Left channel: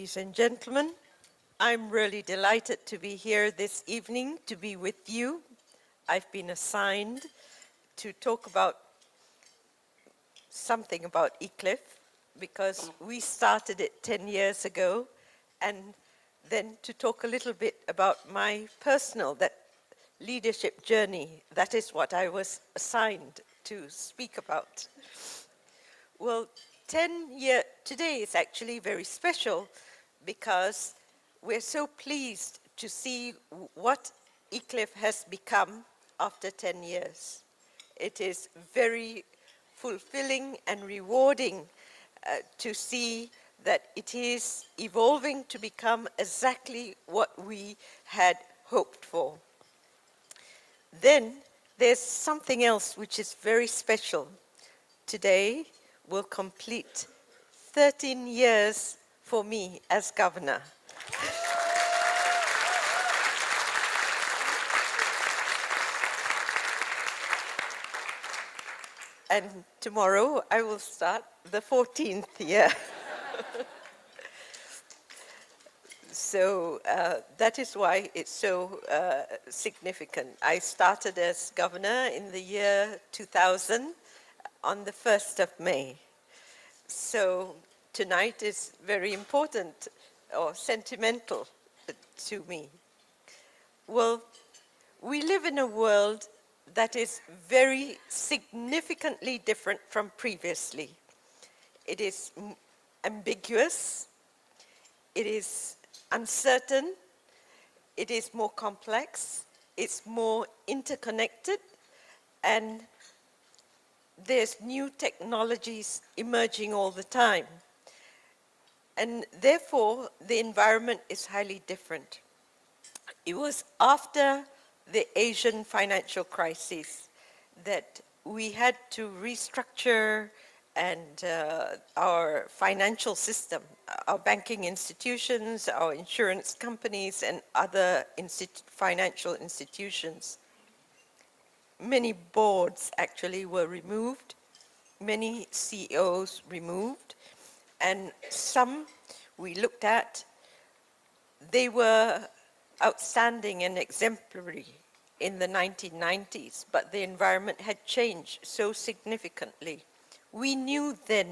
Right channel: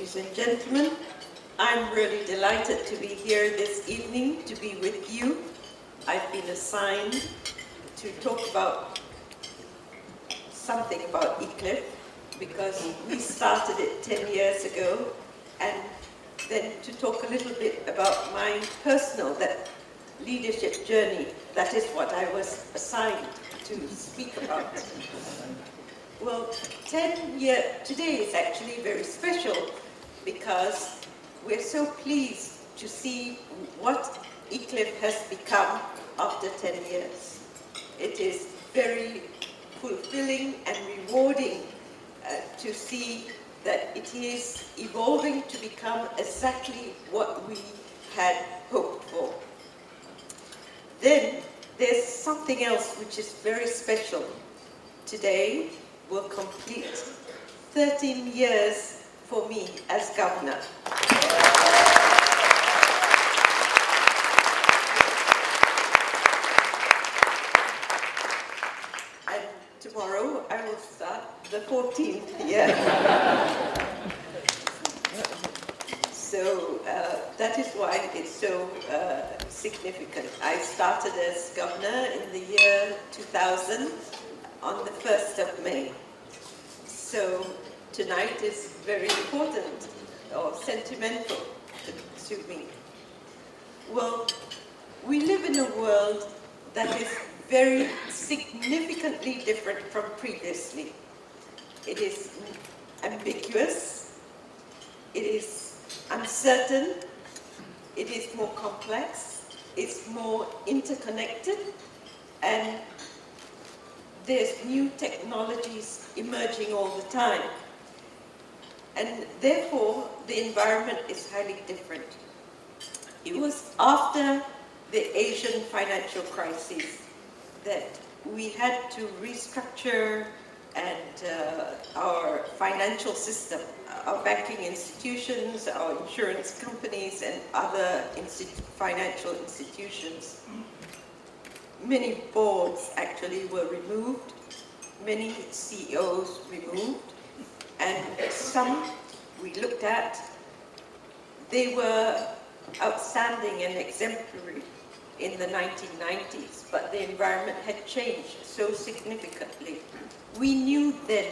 ladies and gentlemen. I'm really delighted to be here this evening to be with you. I've been assigned to talk about something about Iclif because we started it 10 years ago, and then to talk a little bit about my personal leadership journey. That is what I was assigned to speak about. Well, 10 years, today is actually very special because we're so pleased to see what Iclif has become after 10 years. It is very fulfilling and rewarding to see that it is evolving to become exactly what we had hoped for. Then there's something else which is very special. Today will complete 13 years for me as governor. And tomorrow I will start the 14th year. So that is why it's so significant. I started as governor in the year 2000 on the 1st of May. So tonight is very important or sentimental to me. Well, we live in a world that is very significantly different from previously. It is ambiguous, it is uncertain, it is more complex, it's more interconnected, and there's new technologies emerging all the time. And therefore, the environment is highly different. It was after the Asian financial crisis that we had to restructure our financial system, our banking institutions, our insurance companies, and other financial institutions. Many boards actually were removed, many CEOs removed, and some we looked at, they were outstanding and exemplary in the 1990s, but the environment had changed so significantly. We knew then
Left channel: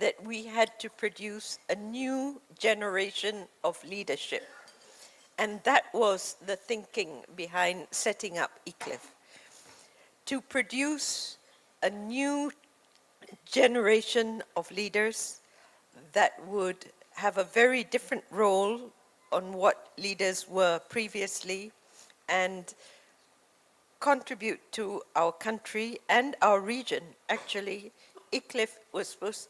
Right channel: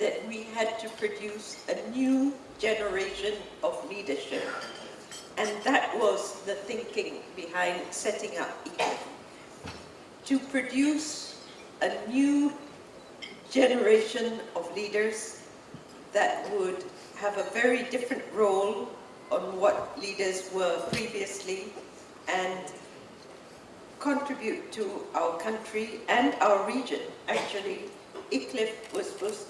that we had to produce a new generation of leadership, and that was the thinking behind setting up Iclif. To produce a new generation of leaders that would have a very different role on what leaders were previously and contribute to our country and our region. Actually, Iclif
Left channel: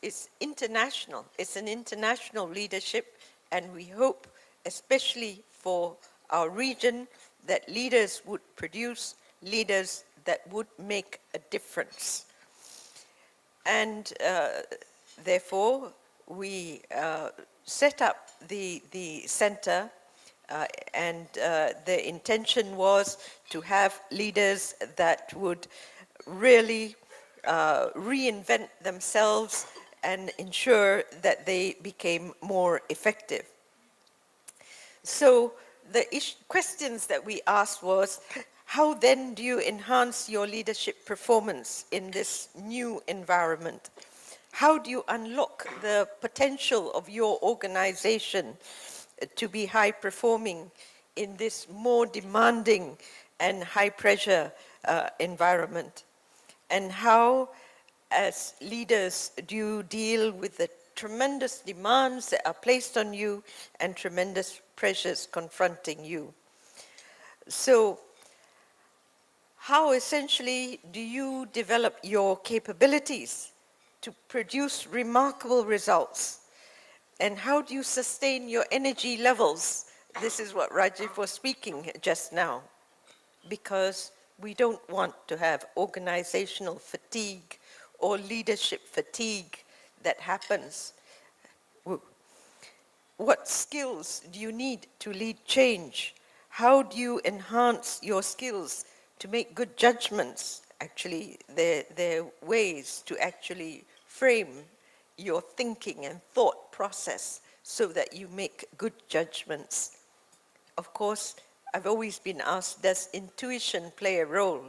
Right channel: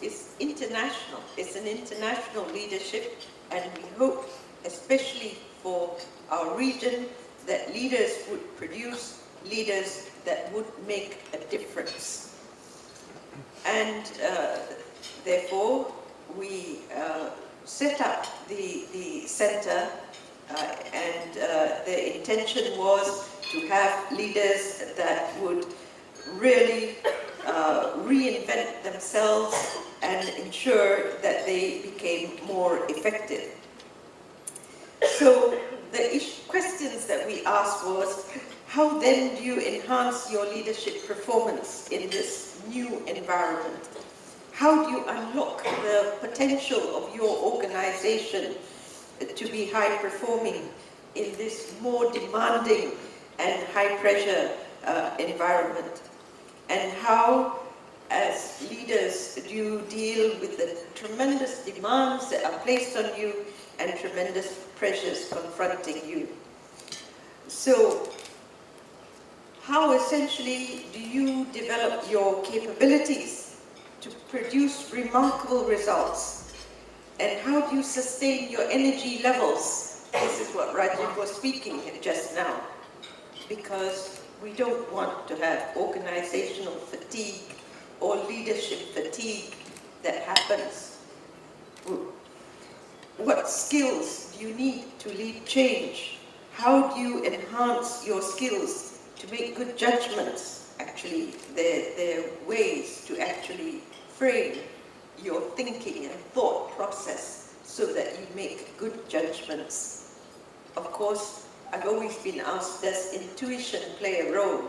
is international. It's an international leadership, and we hope, especially for our region, that leaders would produce leaders that would make a difference. And therefore, we set up the center, and the intention was to have leaders that would really reinvent themselves and ensure that they became more effective. So the questions that we asked was, how then do you enhance your leadership performance in this new environment? How do you unlock the potential of your organization to be high-performing in this more demanding and high-pressure environment? And how, as leaders, do you deal with the tremendous demands that are placed on you and tremendous pressures confronting you? So, how essentially do you develop your capabilities to produce remarkable results? And how do you sustain your energy levels? This is what Rajiv was speaking just now. Because we don't want to have organizational fatigue or leadership fatigue that happens. What skills do you need to lead change? How do you enhance your skills to make good judgments? Actually, there are ways to actually frame your thinking and thought process so that you make good judgments. Of course, I've always been asked, does intuition play a role?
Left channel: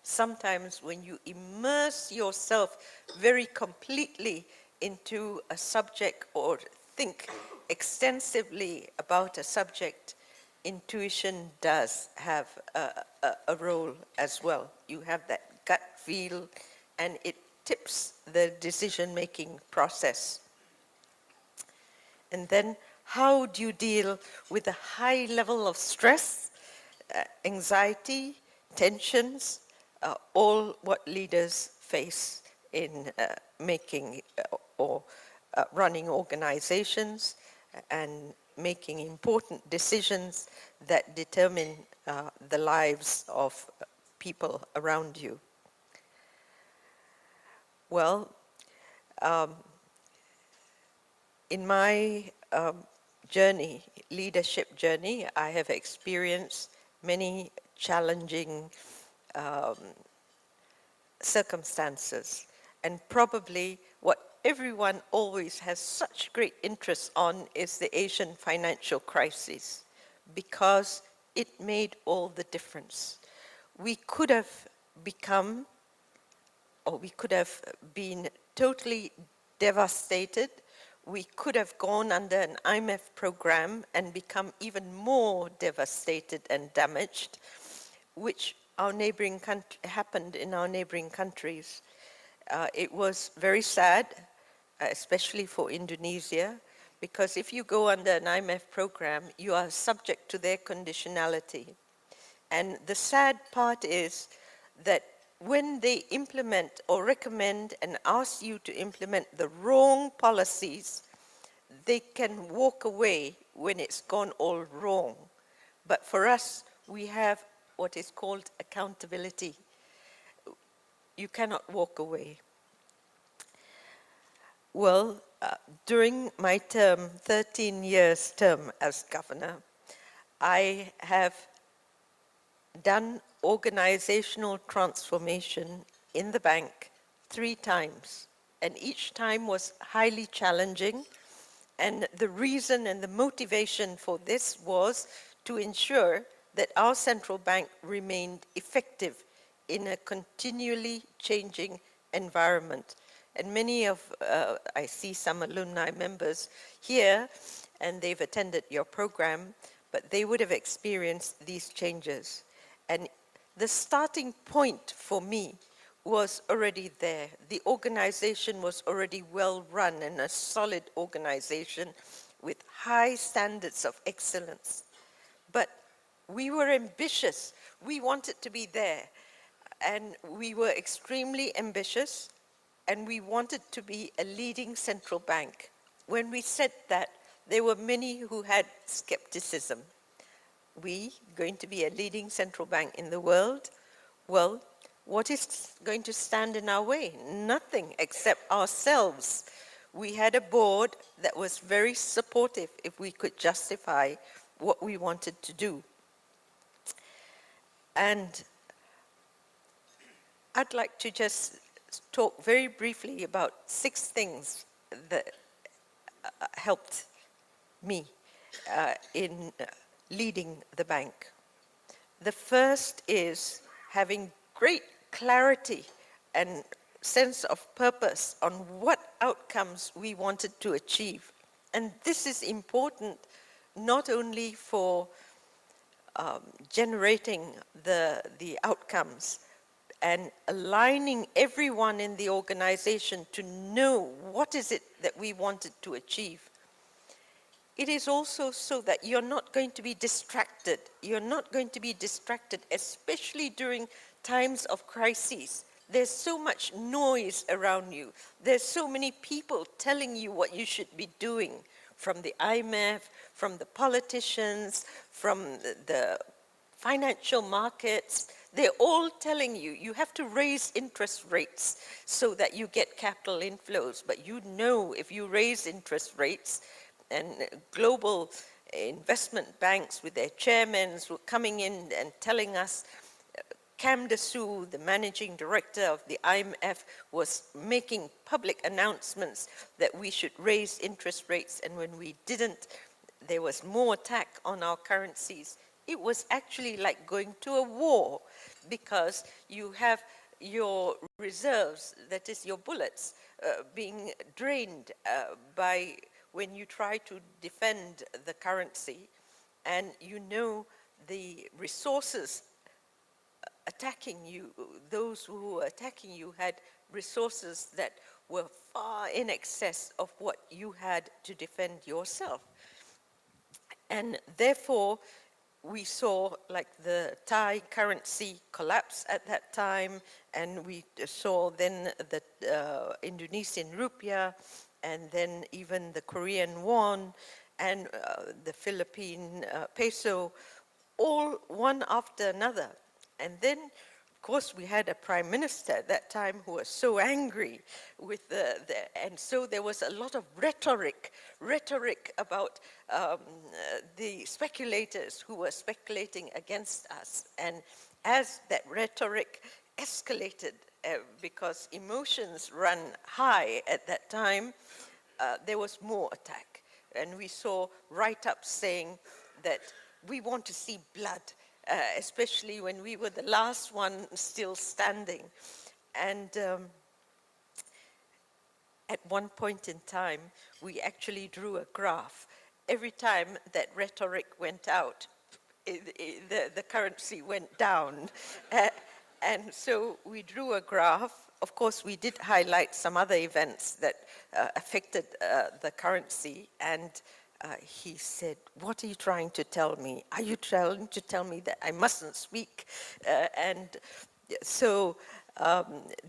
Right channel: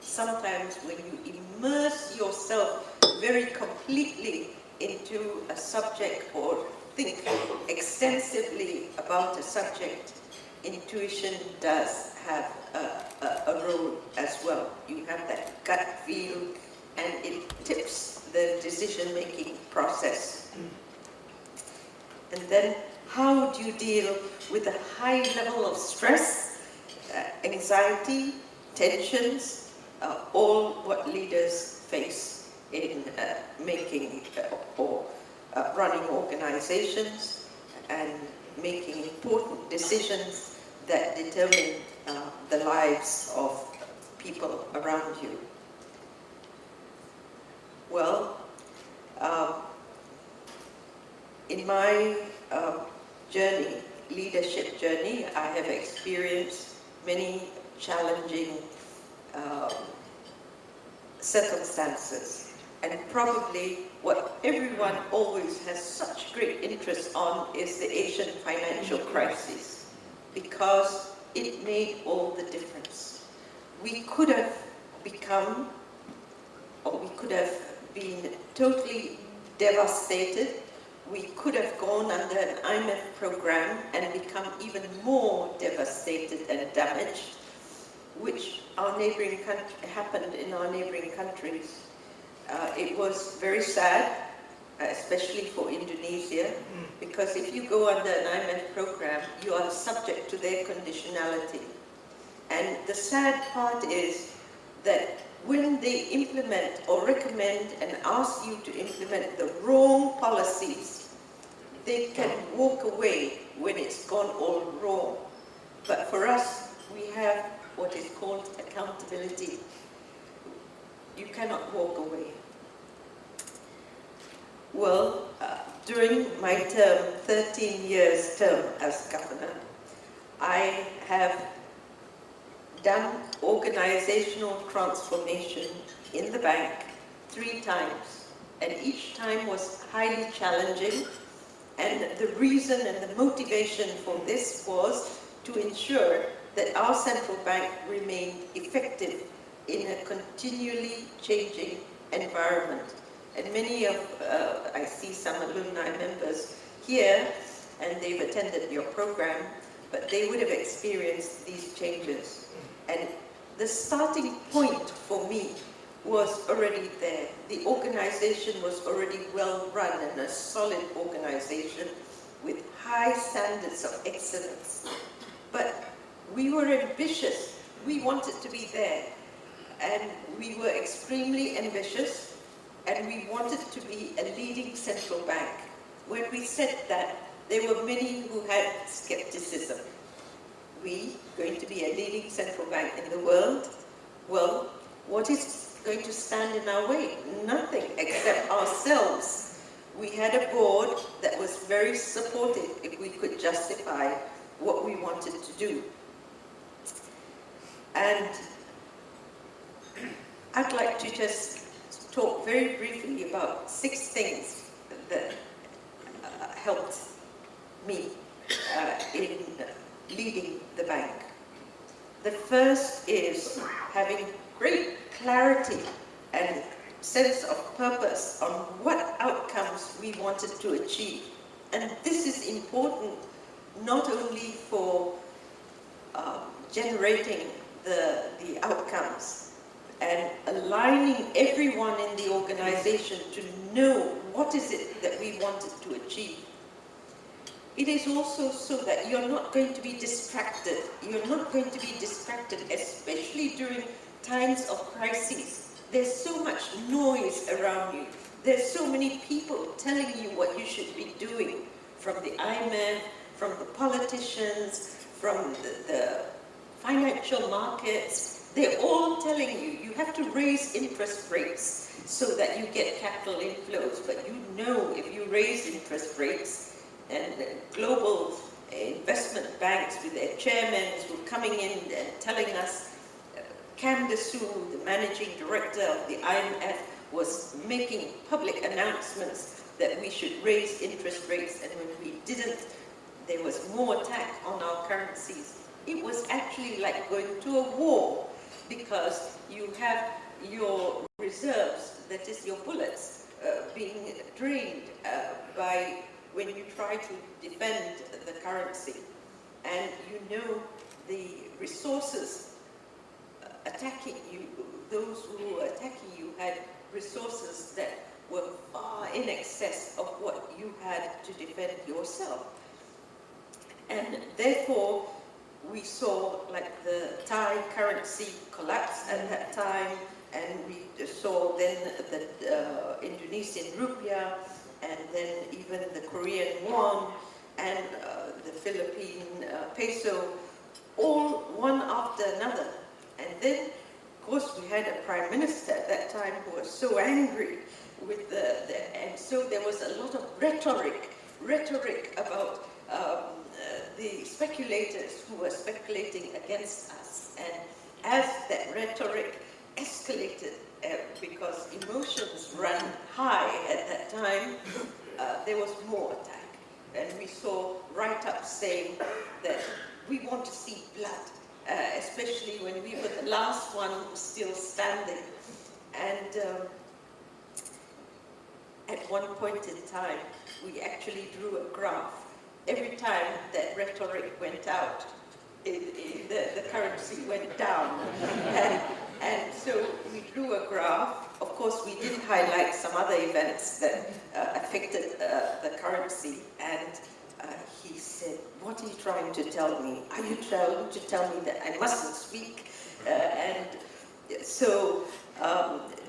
Sometimes when you immerse yourself very completely into a subject or think extensively about a subject, intuition does have a role as well. You have that gut feel, and it tips the decision-making process. And then, how do you deal with a high level of stress, anxiety, tensions, all what leaders face in making or running organizations and making important decisions that determine the lives of people around you? Well, in my journey, leadership journey, I have experienced many challenging circumstances, and probably what everyone always has such great interest on is the Asian financial crisis, because it made all the difference. We could have become, or we could have been totally devastated. We could have gone under an IMF program and become even more devastated and damaged, which happened in our neighboring countries. It was very sad, especially for Indonesia, because if you go under an IMF program, you are subject to their conditionality. And the sad part is that when they implement or recommend and ask you to implement the wrong policies, they can walk away when it's gone all wrong. But for us, we have what is called accountability. You cannot walk away. Well, during my term, 13 years term as governor, I have done organizational transformation in the bank 3 times, and each time was highly challenging, and the reason and the motivation for this was to ensure that our central bank remained effective in a continually changing environment. And many of, I see some alumni members here, and they've attended your program, but they would have experienced these changes. And the starting point for me was already there. The organization was already well run and a solid organization with high standards of excellence. But we were ambitious. We wanted to be there. And we were extremely ambitious, and we wanted to be a leading central bank. When we said that, there were many who had skepticism. We going to be a leading central bank in the world? Well, what is going to stand in our way? Nothing except ourselves. We had a board that was very supportive if we could justify what we wanted to do. And I'd like to just talk very briefly about 6 things that helped me in leading the bank. The first is having great clarity and sense of purpose on what outcomes we wanted to achieve. And this is important not only for generating the outcomes and aligning everyone in the organization to know what is it that we wanted to achieve. It is also so that you're not going to be distracted. You're not going to be distracted, especially during times of crises. There's so much noise around you. There's so many people telling you what you should be doing, from the IMF, from the politicians, from the financial markets. They're all telling you, you have to raise interest rates so that you get capital inflows. But you know, if you raise interest rates, and global investment banks with their chairmen were coming in and telling us, Cam Dessou, the managing director of the IMF, was making public announcements that we should raise interest rates, and when we didn't, there was more attack on our currencies. It was actually like going to a war, because you have your reserves, that is your bullets, being drained by when you try to defend the currency. And you know the resources attacking you, those who were attacking you had resources that were far in excess of what you had to defend yourself. And therefore, we saw like the Thai currency collapse at that time, and we saw then the Indonesian rupiah, and then even the Korean won, and the Philippine peso, all one after another. And then, of course, we had a prime minister at that time who was so angry with and so there was a lot of rhetoric about the speculators who were speculating against us. And as that rhetoric escalated, because emotions run high at that time, there was more attack. And we saw write-ups saying that we want to see blood, especially when we were the last one still standing. And at one point in time, we actually drew a graph. Every time that rhetoric went out, the currency went down. And so we drew a graph. Of course, we did highlight some other events that affected the currency. And he said, "What are you trying to tell me? Are you trying to tell me that I mustn't speak?" And so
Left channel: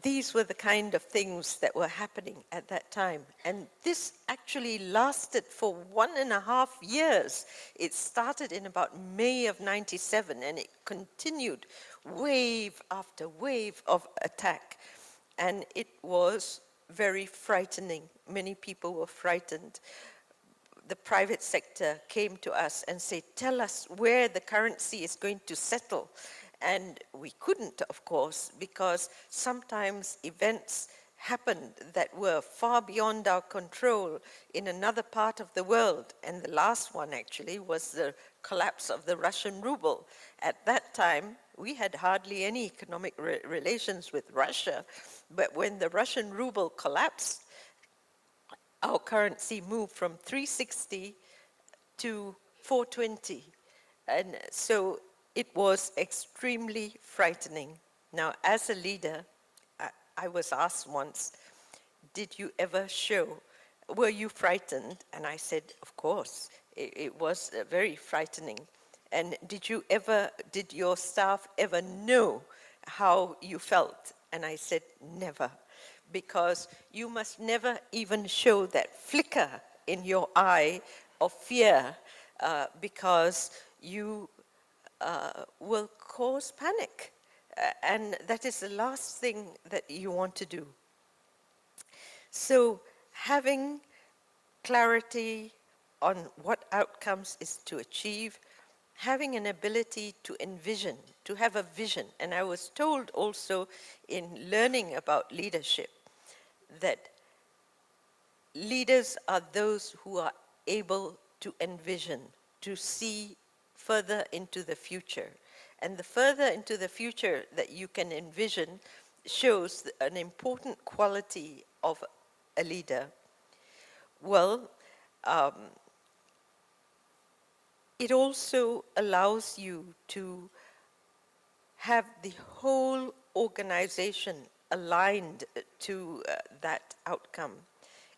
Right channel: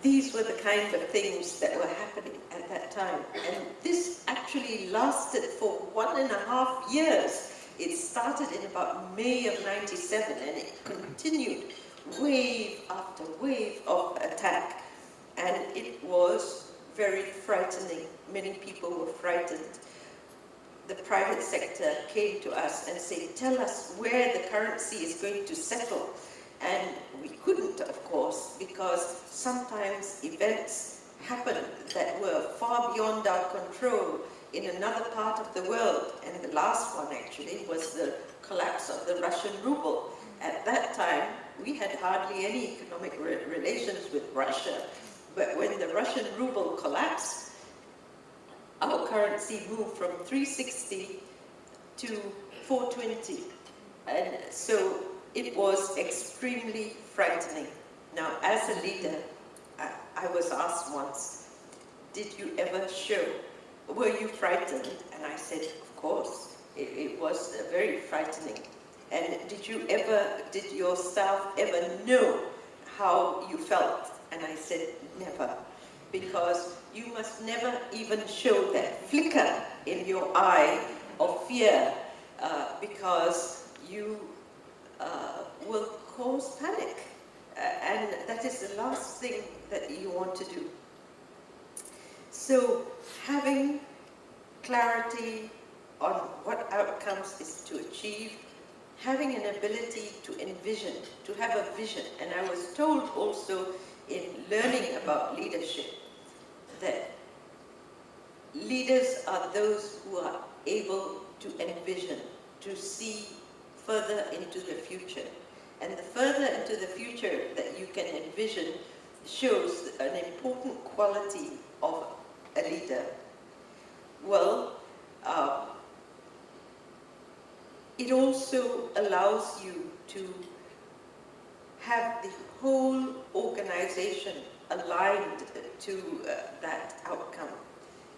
these were the kind of things that were happening at that time. And this actually lasted for 1.5 years. It started in about May of '97, and it continued wave after wave of attack. And it was very frightening. Many people were frightened. The private sector came to us and said, "Tell us where the currency is going to settle." And we couldn't, of course, because sometimes events happened that were far beyond our control in another part of the world. And the last one, actually, was the collapse of the Russian ruble. At that time, we had hardly any economic relations with Russia. But when the Russian ruble collapsed, our currency moved from 360 to 420. And so it was extremely frightening. Now, as a leader, I was asked once, "Did you ever show? Were you frightened?" And I said, "Of course, it was very frightening." "And did your staff ever know how you felt?" And I said, "Never, because you must never even show that flicker in your eye of fear, because you will cause panic. And that is the last thing that you want to do." So having clarity on what outcomes is to achieve, having an ability to envision, to have a vision. And I was told also in learning about leadership that leaders are those who are able to envision, to see further into the future. And the further into the future that you can envision shows an important quality of a leader. Well, it also allows you to have the whole organization aligned to that outcome.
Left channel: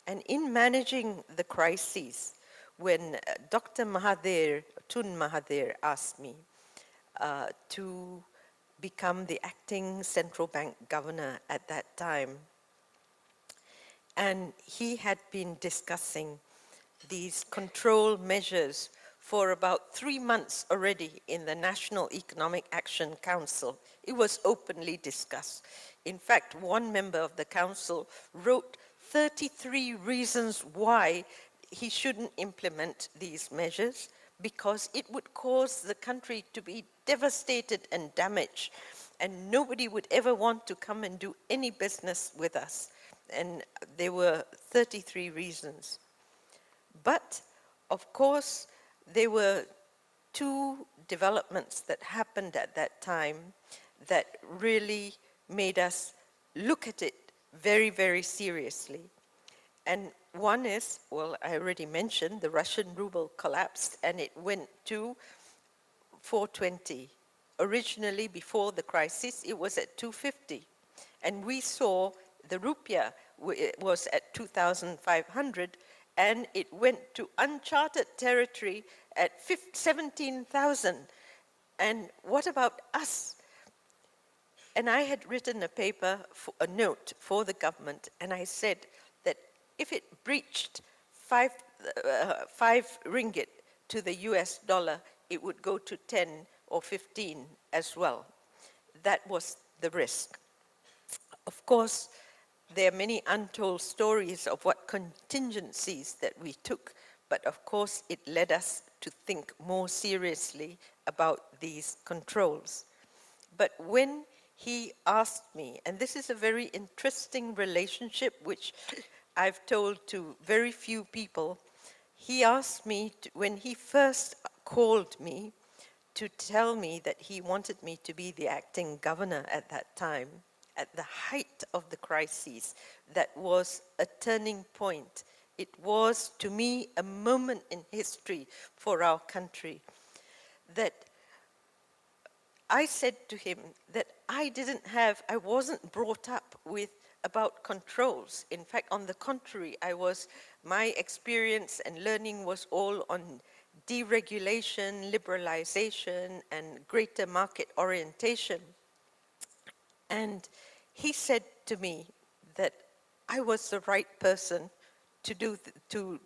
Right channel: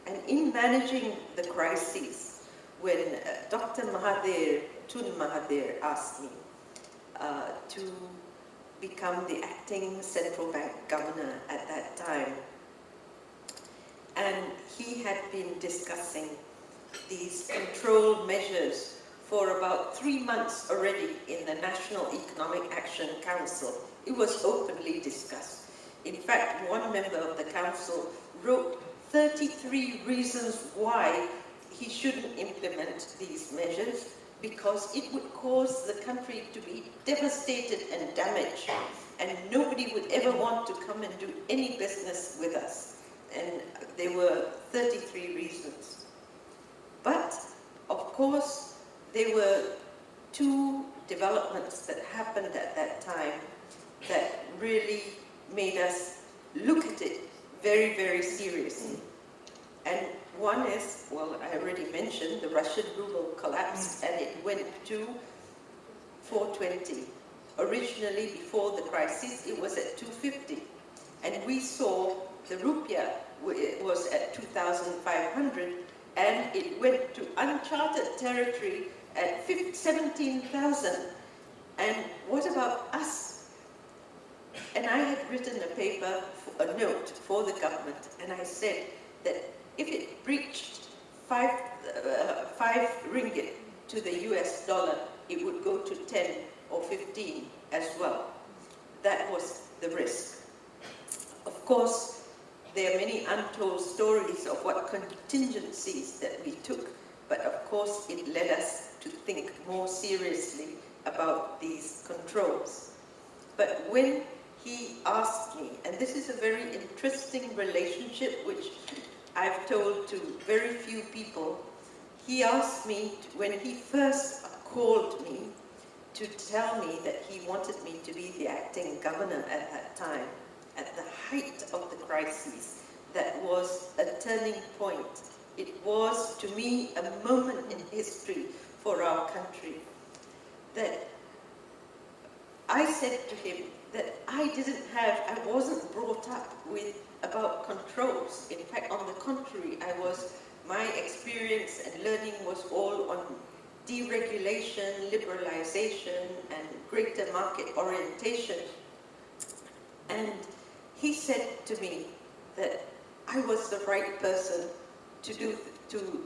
And in managing the crises, when Dr. Tun Mahathir asked me to become the acting central bank governor at that time, and he had been discussing these control measures for about 3 months already in the National Economic Action Council. It was openly discussed. In fact, one member of the council wrote 33 reasons why he shouldn't implement these measures, because it would cause the country to be devastated and damaged. and nobody would ever want to come and do any business with us. And there were 33 reasons. But, of course, there were two developments that happened at that time that really made us look at it very, very seriously. And one is, well, I already mentioned, the Russian ruble collapsed and it went to 420. Originally, before the crisis, it was at 250. And we saw the rupiah was at 2,500, and it went to uncharted territory at 17,000. And what about us? And I had written a paper, a note for the government, and I said that if it breached five ringgit to the US dollar, it would go to 10 or 15 as well. That was the risk. Of course, there are many untold stories of what contingencies that we took, but of course it led us to think more seriously about these controls. But when he asked me, and this is a very interesting relationship which I've told to very few people, he asked me, when he first called me, to tell me that he wanted me to be the acting governor at that time, at the height of the crisis. That was a turning point. It was, to me, a moment in history for our country. That I said to him that I wasn't brought up with about controls. In fact, on the contrary, my experience and learning was all on deregulation, liberalization, and greater market orientation. And he said to me that I was the right person to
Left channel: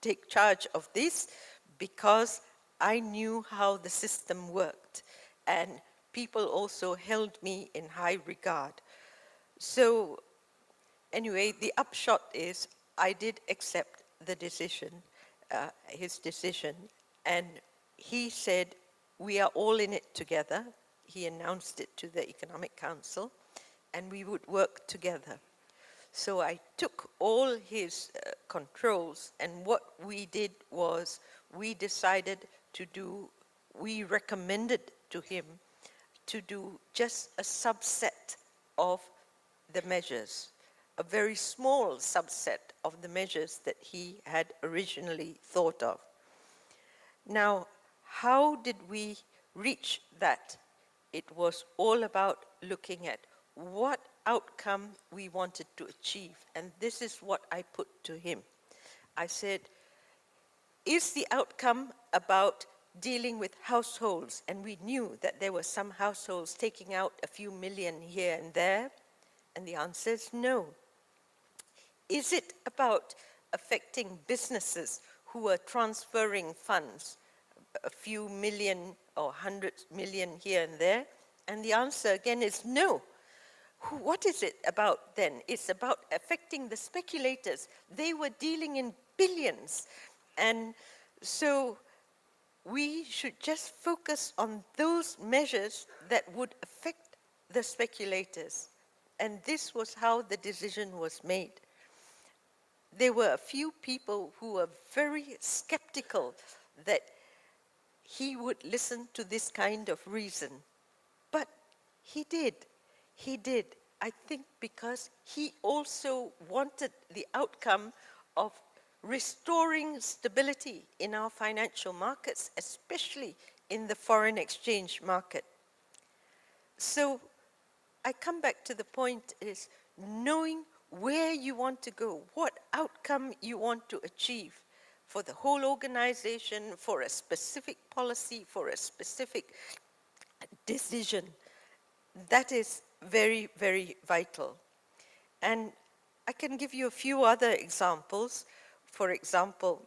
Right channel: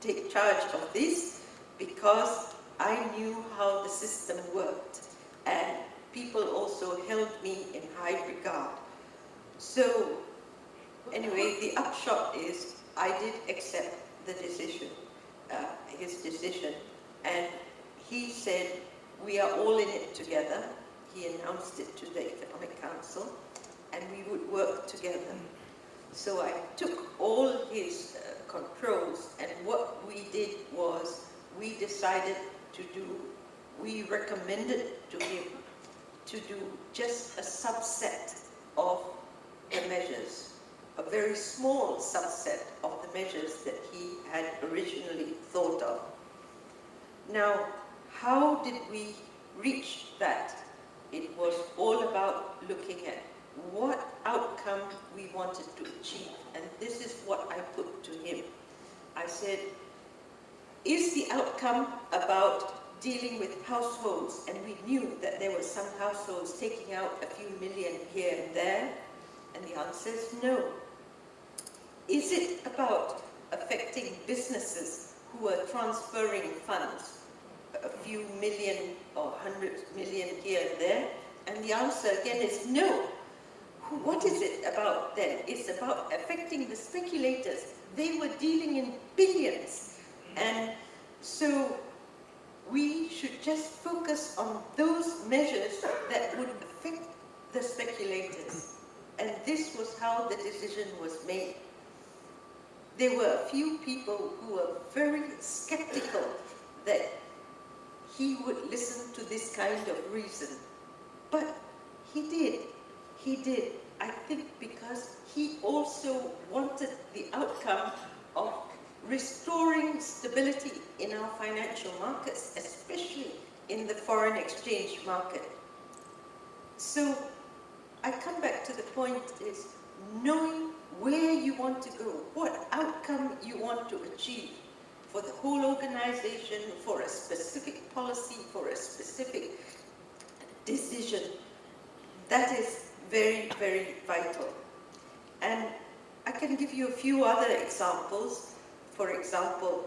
take charge of this because I knew how the system worked, and people also held me in high regard. So anyway, the upshot is I did accept the decision, his decision, and he said, we are all in it together. He announced it to the Economic Council, and we would work together. So I took all his controls, and what we did was we recommended to him to do just a subset of the measures, a very small subset of the measures that he had originally thought of. Now, how did we reach that? It was all about looking at what outcome we wanted to achieve, and this is what I put to him. I said, is the outcome about dealing with households, and we knew that there were some households taking out a few million here and there, and the answer is no. Is it about affecting businesses who are transferring funds, a few million or 100 million here and there? And the answer again is no. What is it about then? It's about affecting the speculators. They were dealing in billions. And so we should just focus on those measures that would affect the speculators. And this was how the decision was made. There were a few people who were very skeptical that he would listen to this kind of reason. But he did. He did. I think because he also wanted the outcome of restoring stability in our financial markets, especially in the foreign exchange market. So I come back to the point is knowing where you want to go, what outcome you want to achieve for the whole organization, for a specific policy, for a specific decision. That is very, very vital. And I can give you a few other examples. For example,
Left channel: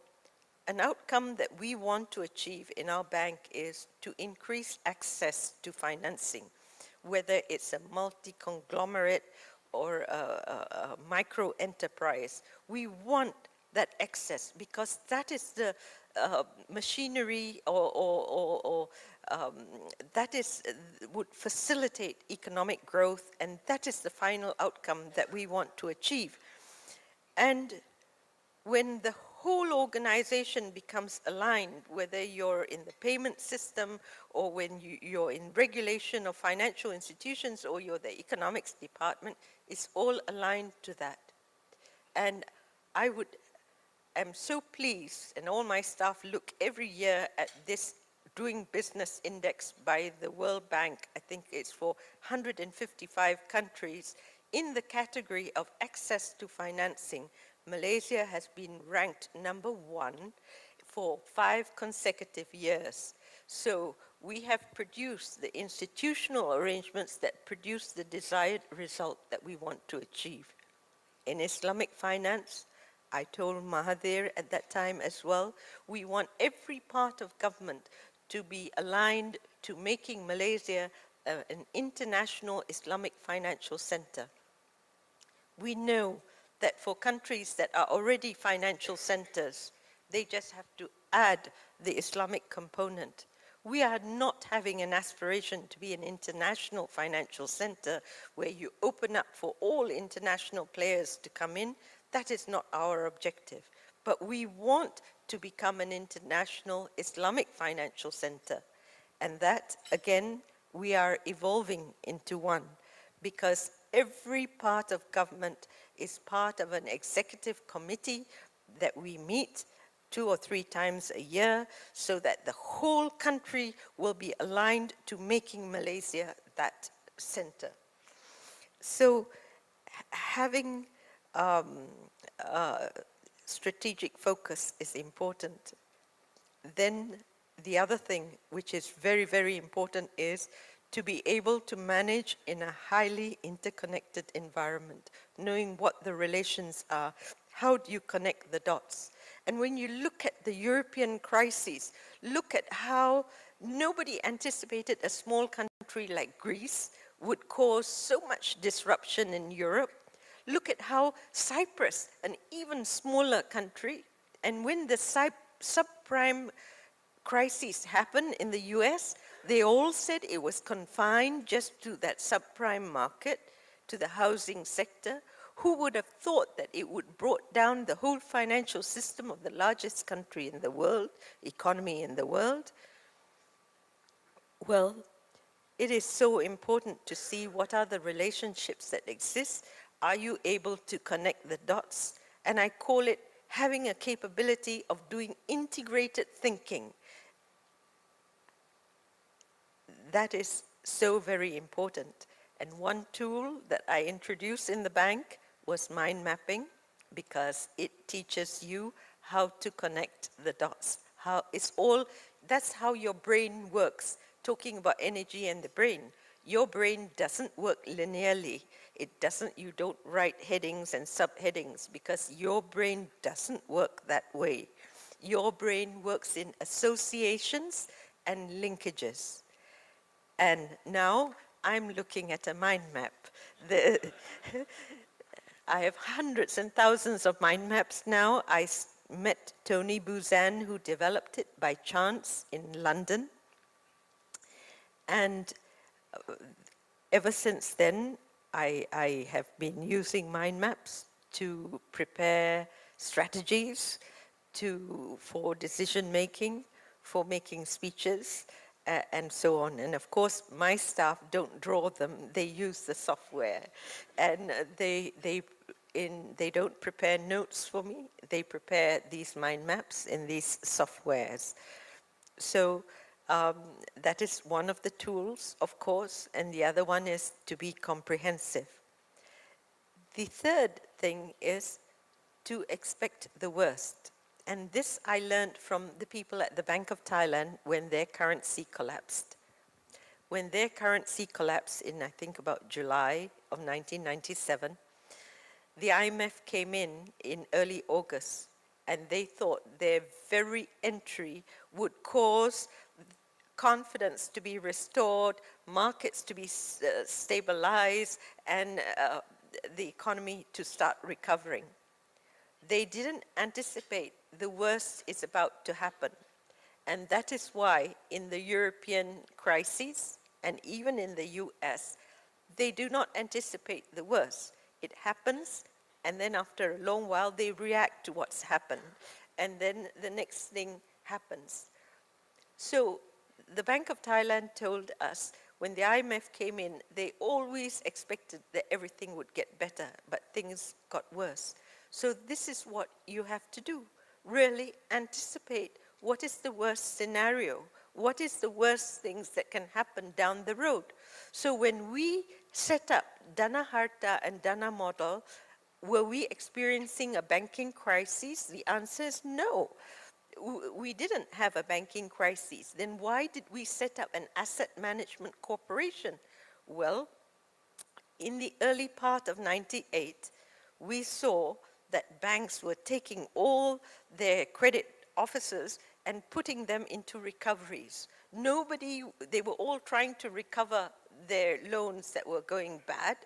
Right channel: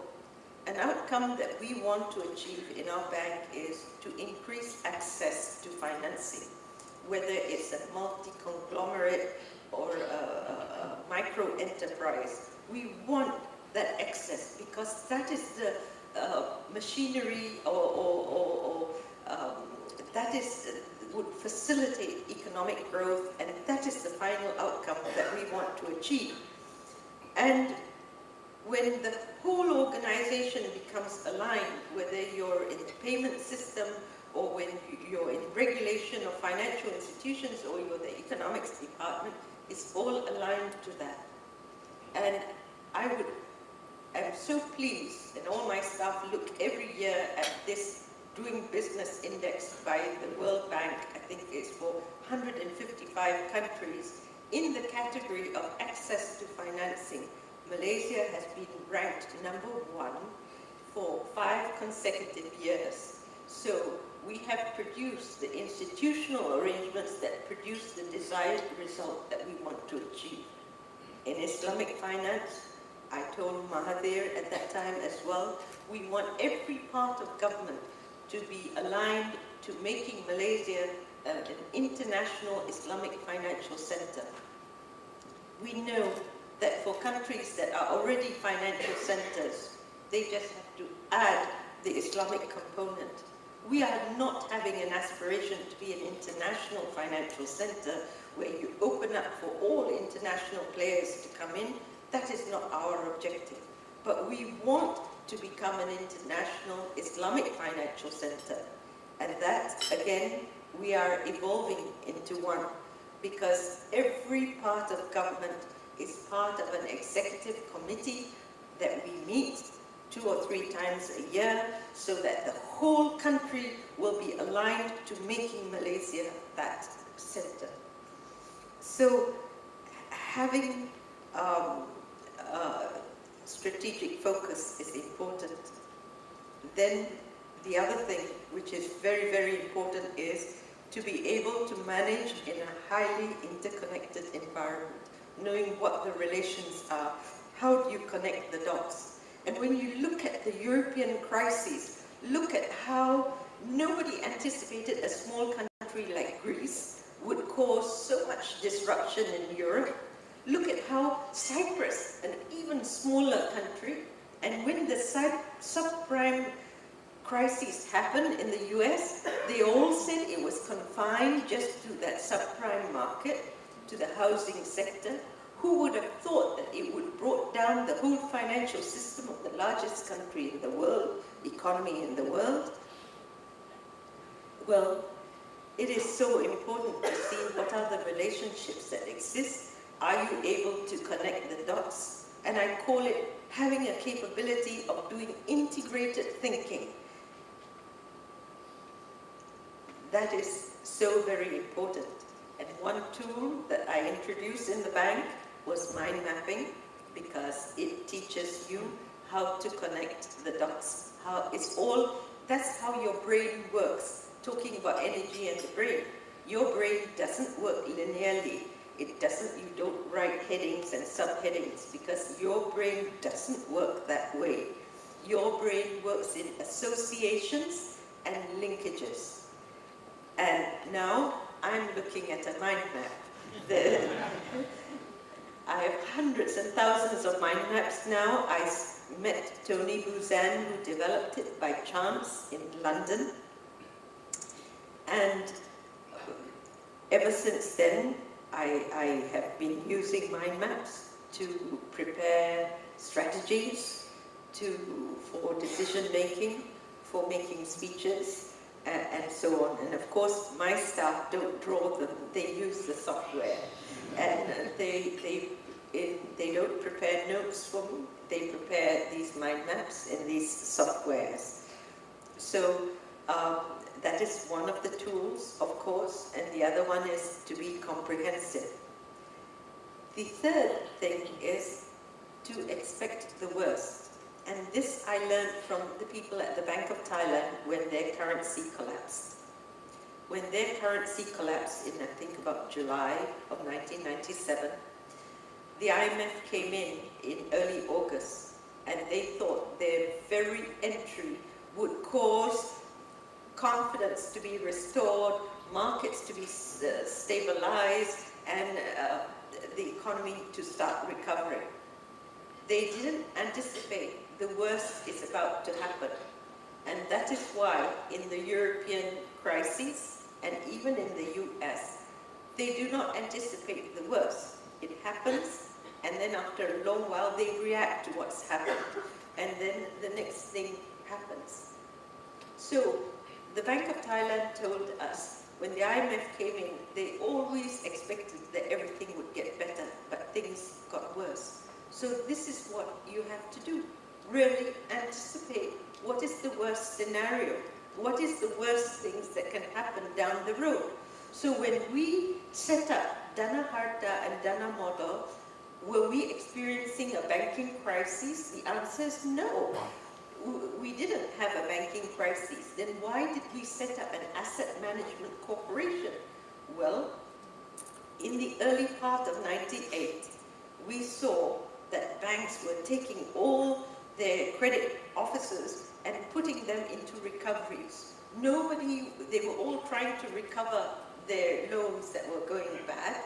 an outcome that we want to achieve in our bank is to increase access to financing, whether it's a multi-conglomerate or a micro-enterprise. We want that access because that is the machinery or that is would facilitate economic growth, and that is the final outcome that we want to achieve. And when the whole organization becomes aligned, whether you're in the payment system or when you're in regulation of financial institutions or you're the economics department, it's all aligned to that. And I'm so pleased, and all my staff look every year at this Doing Business Index by the World Bank. I think it's for 155 countries. In the category of access to financing, Malaysia has been ranked #1 for 5 consecutive years. So we have produced the institutional arrangements that produce the desired result that we want to achieve. In Islamic finance, I told Mahathir at that time as well, we want every part of government to be aligned to making Malaysia an international Islamic financial center. We know that for countries that are already financial centers, they just have to add the Islamic component. We are not having an aspiration to be an international financial center where you open up for all international players to come in. That is not our objective. But we want to become an international Islamic financial center. And that, again, we are evolving into one, because every part of government is part of an executive committee that we meet 2 or 3 times a year, so that the whole country will be aligned to making Malaysia that center. So having strategic focus is important. Then the other thing, which is very, very important, is to be able to manage in a highly interconnected environment, knowing what the relations are. How do you connect the dots? And when you look at the European crises, look at how nobody anticipated a small country like Greece would cause so much disruption in Europe. Look at how Cyprus, an even smaller country, and when the subprime crises happened in the US, they all said it was confined just to that subprime market, to the housing sector. Who would have thought that it would brought down the whole financial system of the largest country in the world, economy in the world? Well, it is so important to see what are the relationships that exist. Are you able to connect the dots? And I call it having a capability of doing integrated thinking. That is so very important. And one tool that I introduced in the bank was mind mapping, because it teaches you how to connect the dots. That's how your brain works. Talking about energy and the brain. Your brain doesn't work linearly. You don't write headings and subheadings, because your brain doesn't work that way. Your brain works in associations and linkages. And now I'm looking at a mind map. I have hundreds and thousands of mind maps now. I met Tony Buzan, who developed it by chance in London. And ever since then, I have been using mind maps to prepare strategies for decision making, for making speeches, and so on. And of course, my staff don't draw them, they use the software. And they don't prepare notes for me, they prepare these mind maps in these softwares. So that is one of the tools, of course, and the other one is to be comprehensive. The third thing is to expect the worst. And this I learned from the people at the Bank of Thailand when their currency collapsed. When their currency collapsed in, I think, about July of 1997, the IMF came in early August, and they thought their very entry would cause confidence to be restored, markets to be stabilized, and the economy to start recovering. They didn't anticipate the worst is about to happen. And that is why in the European crises, and even in the US, they do not anticipate the worst. It happens, and then after a long while, they react to what's happened, and then the next thing happens. So the Bank of Thailand told us, when the IMF came in, they always expected that everything would get better, but things got worse. So this is what you have to do. Really anticipate what is the worst scenario, what is the worst things that can happen down the road. So when we set up Dana Harta and Dana model, were we experiencing a banking crisis? The answer is no. We didn't have a banking crisis. Then why did we set up an asset management corporation? Well, in the early part of '98, we saw that banks were taking all their credit officers and putting them into recoveries. They were all trying to recover their loans that were going bad,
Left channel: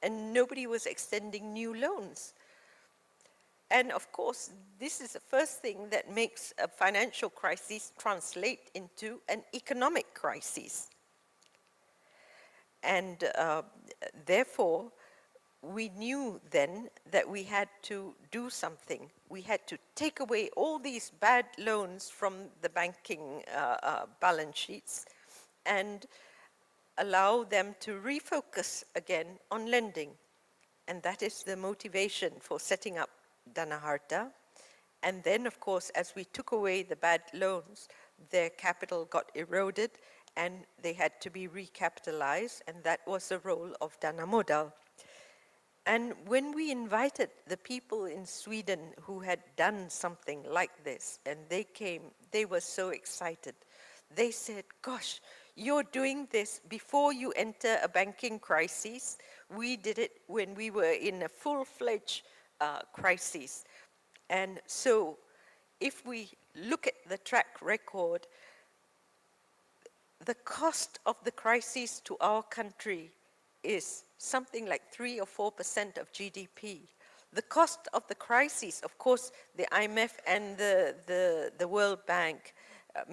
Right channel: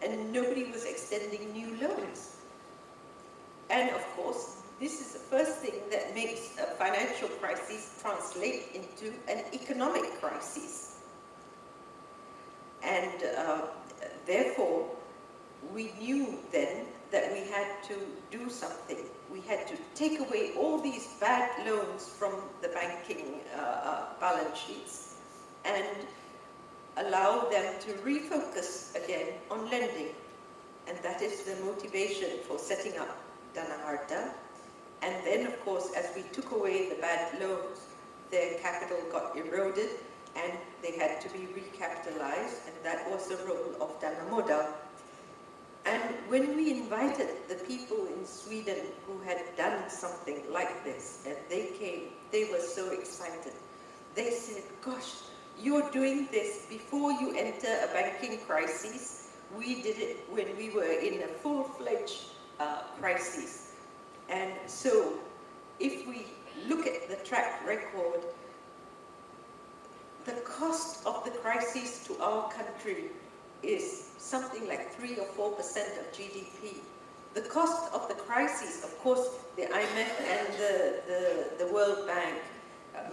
and nobody was extending new loans. And of course, this is the first thing that makes a financial crisis translate into an economic crisis. And therefore, we knew then that we had to do something. We had to take away all these bad loans from the banking balance sheets and allow them to refocus again on lending. And that is the motivation for setting up Dana Harta. And then, of course, as we took away the bad loans, their capital got eroded and they had to be recapitalized, and that was the role of Dana Modal. And when we invited the people in Sweden who had done something like this, and they came, they were so excited. They said, gosh, you're doing this before you enter a banking crisis. We did it when we were in a full-fledged crisis. And so, if we look at the track record, the cost of the crisis to our country is something like 3 or 4% of GDP. The cost of the crisis, of course, the IMF and the World Bank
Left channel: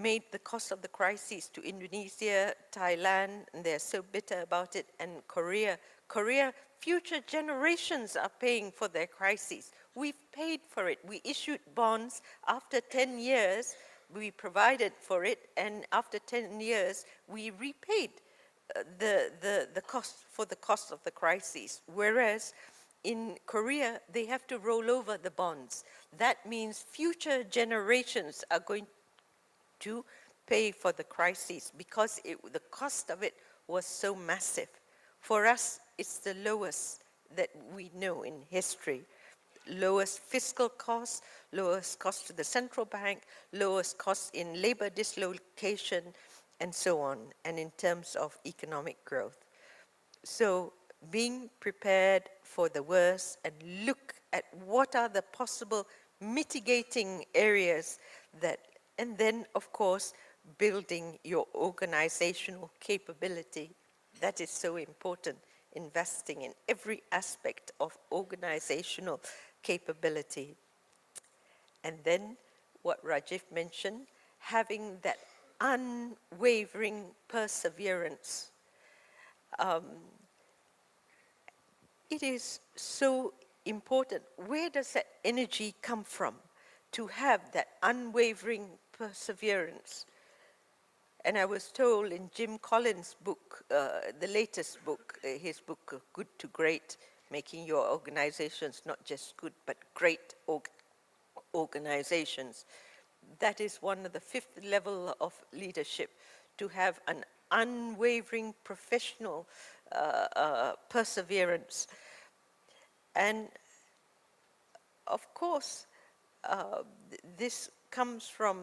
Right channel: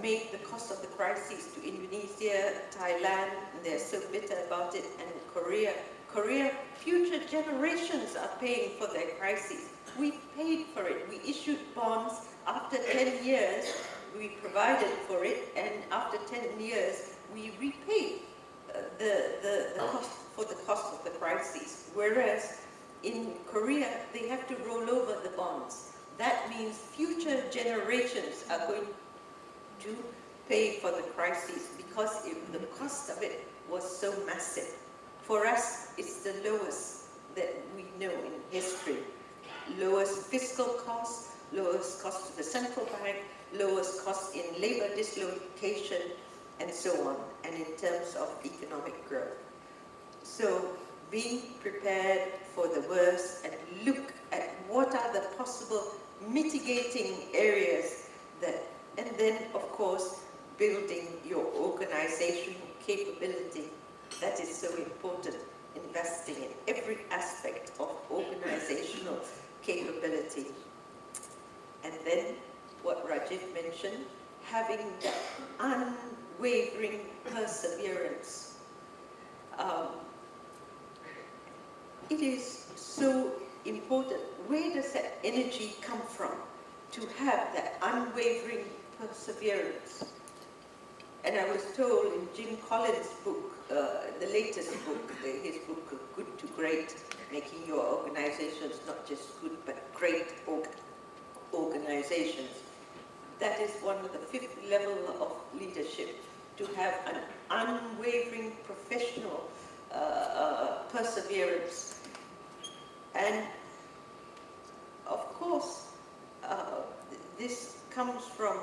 made the cost of the crisis to Indonesia, Thailand, and they're so bitter about it, and Korea. Korea, future generations are paying for their crisis. We paid for it. We issued bonds. After 10 years, we provided for it, and after 10 years, we repaid the cost for the cost of the crisis. Whereas in Korea, they have to roll over the bonds. That means future generations are going to pay for the crisis because the cost of it was so massive. For us, it's the lowest that we know in history. Lowest fiscal cost, lowest cost to the central bank, lowest cost in labor dislocation, and so on, and in terms of economic growth. So being prepared for the worst and look at what are the possible mitigating areas that, and then of course building your organizational capability. That is so important, investing in every aspect of organizational capability. And then what Rajiv mentioned, having that unwavering perseverance. It is so important. Where does that energy come from to have that unwavering perseverance? And I was told in Jim Collins' book, the latest book, his book, Good to Great, making your organizations not just good, but great organizations. That is one of the 5th level of leadership, to have an unwavering professional perseverance. And of course, this comes from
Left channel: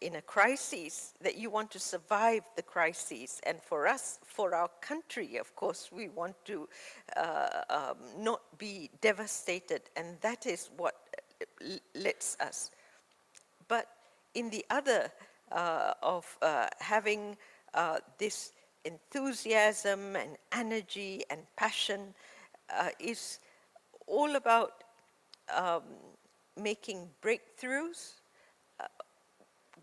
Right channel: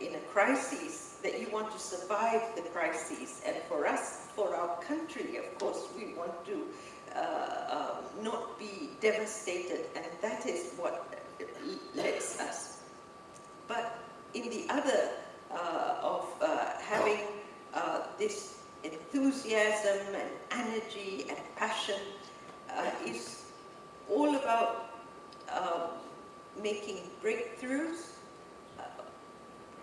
in a crisis that you want to survive the crisis. And for us, for our country, of course, we want to not be devastated, and that is what lets us. But in the other of having this enthusiasm and energy and passion is all about making breakthroughs,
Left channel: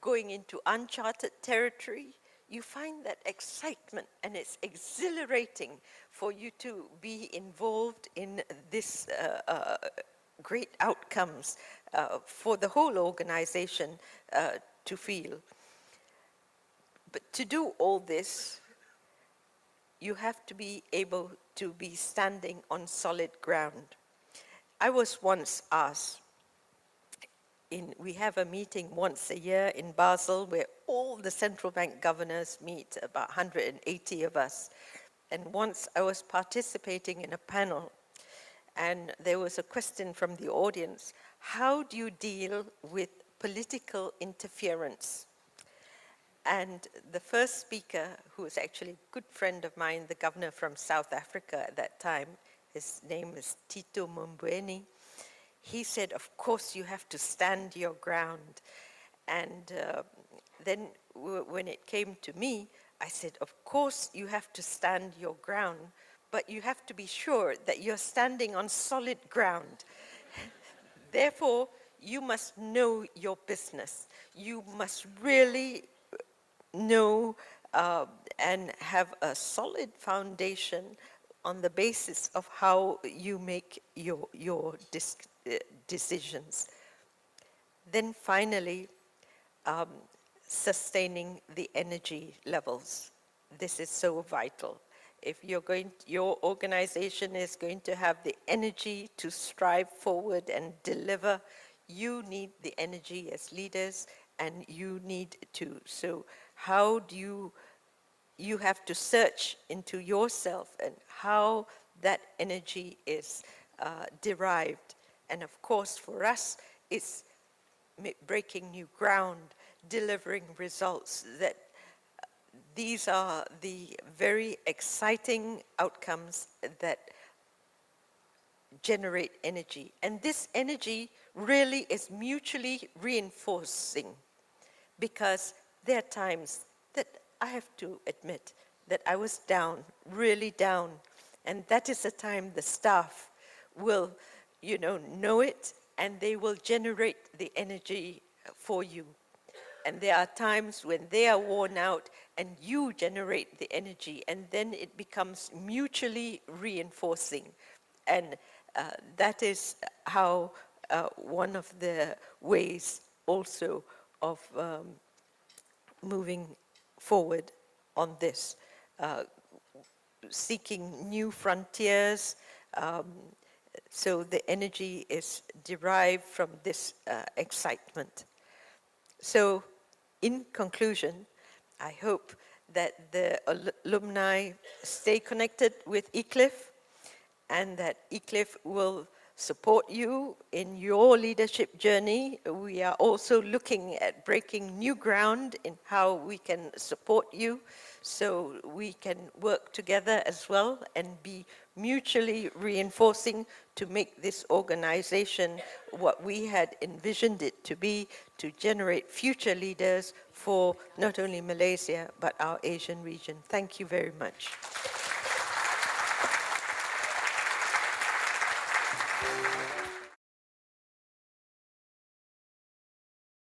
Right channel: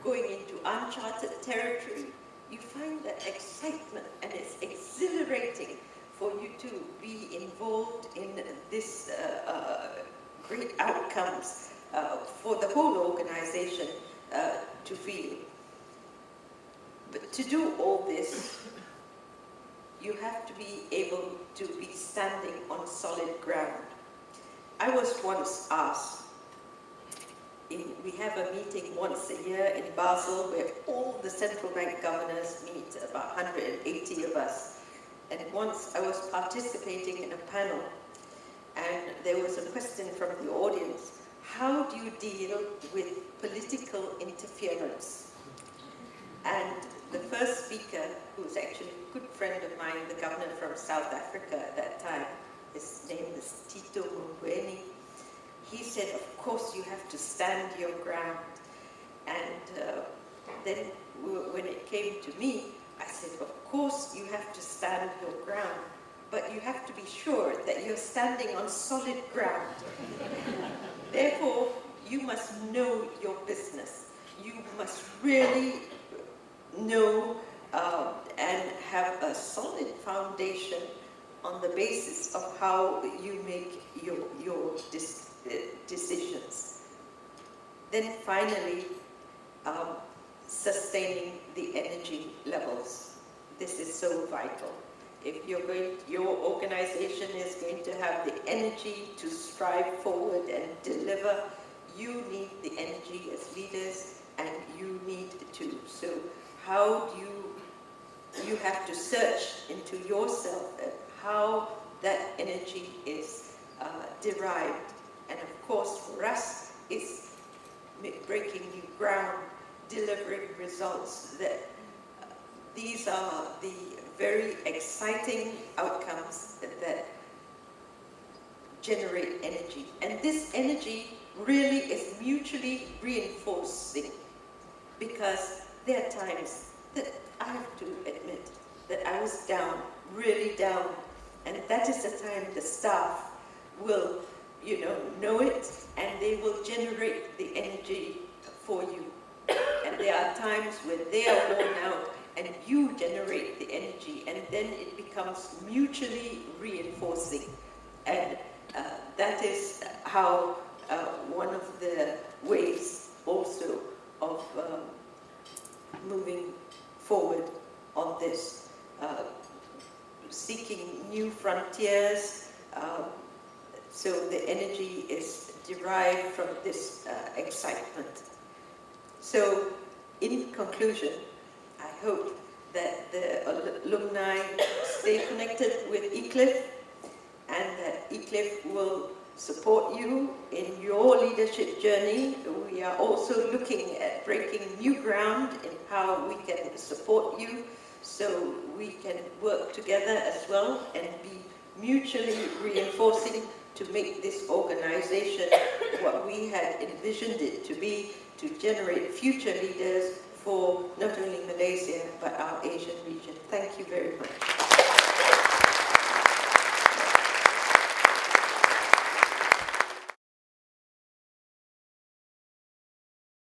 going into uncharted territory, you find that excitement, and it's exhilarating for you to be involved in this great outcomes for the whole organization to feel. But to do all this, you have to be able to be standing on solid ground. I was once asked, we have a meeting once a year in Basel where all the central bank governors meet, about 180 of us. And once I was participating in a panel, and there was a question from the audience: how do you deal with political interference? And the first speaker, who was actually a good friend of mine, the governor from South Africa at that time, his name was Tito Mboweni, he said, of course you have to stand your ground. And then when it came to me, I said, of course you have to stand your ground, but you have to be sure that you're standing on solid ground. Therefore, you must know your business. You must really know and have a solid foundation on the basis of how you make your decisions. Then finally, sustaining the energy levels. This is so vital. If your organization is going to have the energy to strive forward and deliver, you need the energy as leaders, and you need to. So how do you have to search into yourself and how that energy is derived. And of course, for us, it's breaking new ground, delivering results. That these are the very exciting outcomes that generate energy. And this energy really is mutually reinforcing, because there are times that I have to admit that I was down, really down. And that is the time the staff will, know it, and they will generate the energy for you. And there are times when they are worn out and you generate the energy, and then it becomes mutually reinforcing. And that is how one of the ways also of moving forward on this, seeking new frontiers. So the energy is derived from this excitement. So in conclusion, I hope that the alumni stay connected with Iclif, and that Iclif will support you in your leadership journey. We are also looking at breaking new ground in how we can support you, so we can work together as well and be mutually reinforcing to make this organization what we had envisioned it to be, to generate future leaders for not only Malaysia, but our Asian region. Thank you very much.